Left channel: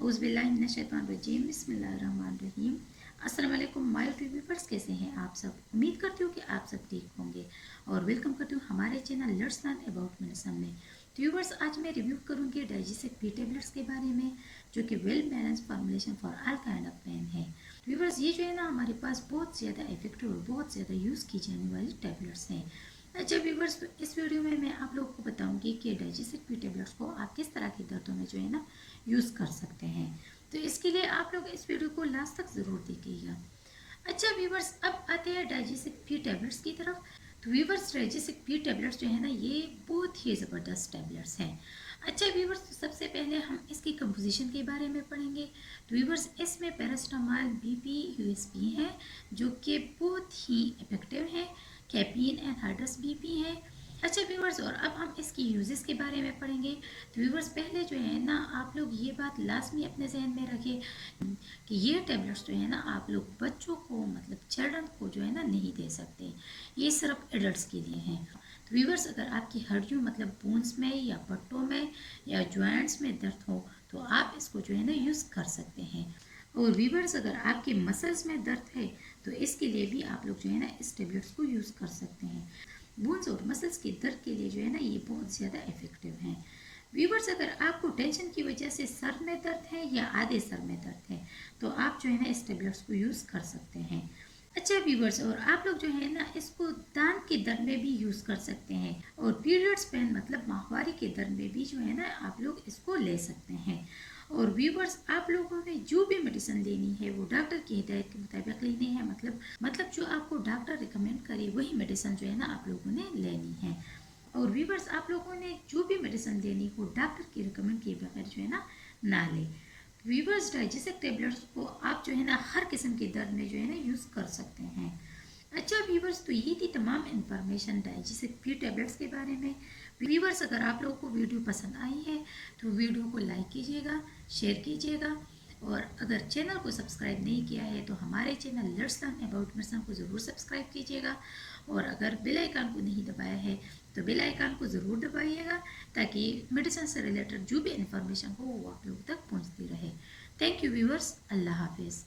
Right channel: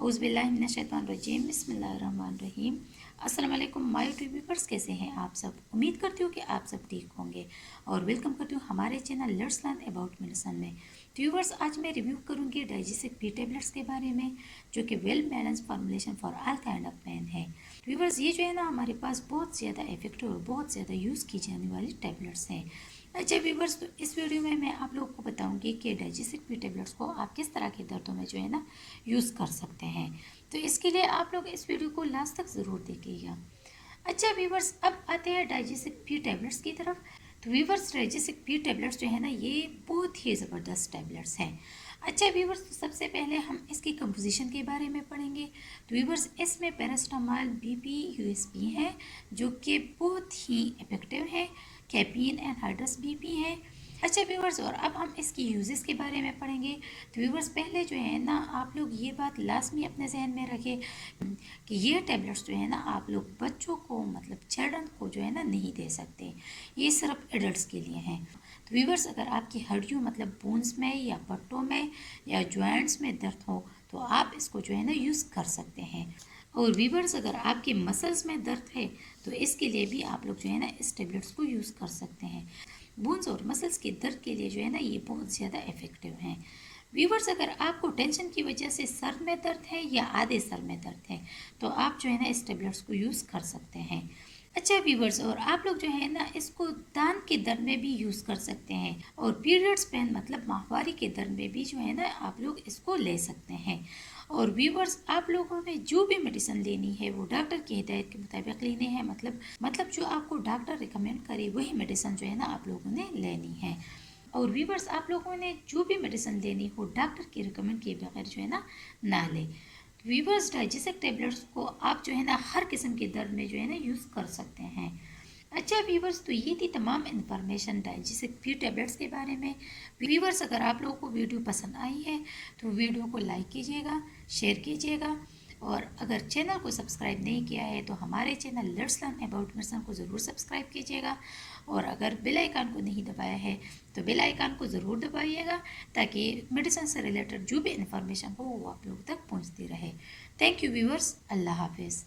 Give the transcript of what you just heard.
औज़ुबिल्लाहिमिनश्शैतानिर्रजीम बिस्मिल्लाहिर्रहमानिर्रहीम। अस्सलाम वालेकुम माय यूट्यूब व्यूअर्स, कैसे हैं आप सब। उम्मीद करती हूँ कि आप सब ठीक होंगे और वेलकम करती हूँ हमारे channel let's learn about medicine में। तो व्यूअर्स, आज मैं रिव्यू करूँगी डाइजेस्टिक बी टेबलेट्स के बारे में, जो कि well balance formulation for all kind of pain है। तो व्यूअर्स, ये जो है ना हमारे पास बहुत ज़्यादा इफेक्टिव और बहुत ज़्यादा यूज़ की जाने वाली टेबलेट्स हैं। अच्छा व्यूअर्स, तो इस वीडियो में मैं आप लोगों को बताऊंगी कि डाइजेस्टिक बी टेबलेट्स को आप किस तरह के दर्दों में जो है ना यूज़ कर सकते हैं। तो इसके लिए आप लोग इस वीडियो को लास्ट तक ज़रूर देखिएगा। अच्छा व्यूअर्स, अब आते हैं डाइजेस्टिक बी टेबलेट्स की तरफ। तो व्यूअर्स, डाइजेस्टिक बी टेबलेट्स जो है ना ये बहुत ही ज़बरदस्त टेबलेट्स हैं। अच्छा व्यूअर्स, तो सबसे पहले हम इसकी कंपोजिशन के बारे में पढ़ेंगे। तो व्यूअर्स, इसमें पैरासीटामोल बीपी यूएसपी है, जो कि बहुत ही इफेक्टिव है। कैफीन एंड हाइड्रस बीपी है। अच्छा व्यूअर्स, और अब हम इसकी यूजेस के बारे में पढ़ेंगे। तो व्यूअर्स, पहले जो है ना आप लोग ये बात लाजमी अपने जहन में रखें कि ये टेबलेट्स जो है ना आप लोग बच्चों को मतलब चिल्ड्रन को जो है ना नहीं दे सकते, ये सिर्फ एडल्ट्स के लिए हैं। तो व्यूअर्स, अगर आपकी हड्डियों मतलब बोन्स में या पट्टों में या जॉइंट्स में दर्द हो तो आप इसको जो है ना यूज़ कर सकते हैं। और व्यूअर्स, अगर आपके मसल्स में दर्द है तो इसके लिए भी आप लोग जो है ना इस टेबलेट्स को यूज़ कर सकते हैं। बोन्स और मसल्स के दर्द के लिए जो है ना ये बहुत ज़्यादा इफेक्टिव हैं। व्यूवर्स, अगर आपको टेंशन की वजह से सर में दर्द है या आधे सर में दर्द है तो आप जो है ना इस टेबलेट्स को यूज़ कर सकते हैं। अच्छा व्यूवर्स, और आप लोग जो है ना इसको दान के दर्द में भी यूज़ कर सकते हैं और पीरियड्स पेन मतलब माहवारी के दर्द में भी जो है ना आप लोग इसको ले सकते हैं। और व्यूवर्स, आप लोगों ने जो भी मेडिसिन लेनी है वो डॉक्टर की हिदायत के मुताबिक लेने हैं, मतलब जो आपको डॉक्टर रिकमेंड करे वही मेडिसिन जो है ना आप लोगों ने लेनी है। और व्यूवर्स, आप लोगों ने जो भी मेडिसिन लेनी हो डॉक्टर की रिकमेंड किए बगैर जो है ना लें। व्यूवर्स, डाइजेस्टिक टेबलेट्स को आप जो है ना हर किस्म के दर्द में जो है ना यूज़ कर सकते हैं। अच्छा व्यूवर्स, तो ये थी तमाम इन्फॉर्मेशन डाइजेस्टिक बी टेबलेट्स के बारे में। व्यूवर्स, अगर आप लोगों को वीडियो पसंद आई है तो वीडियो को लाइक कीजिएगा, शेयर कीजिएगा, और अगर चैनल को सब्सक्राइब नहीं किया है तो हमारे channel let's learn about medicine को ज़रूर सब्सक्राइब कीजिएगा। और अगर बेल आइकन को नहीं दबाया है तो बेल आइकन को ज़रूर दबाइएगा, ताकि मेडिसिन से रिलेटेड जो भी इन्फॉर्मेशन हो वो आप लोग तक पहुंचती रहे। थैंक यू व्यूअर्स, अल्लाह हाफिज़।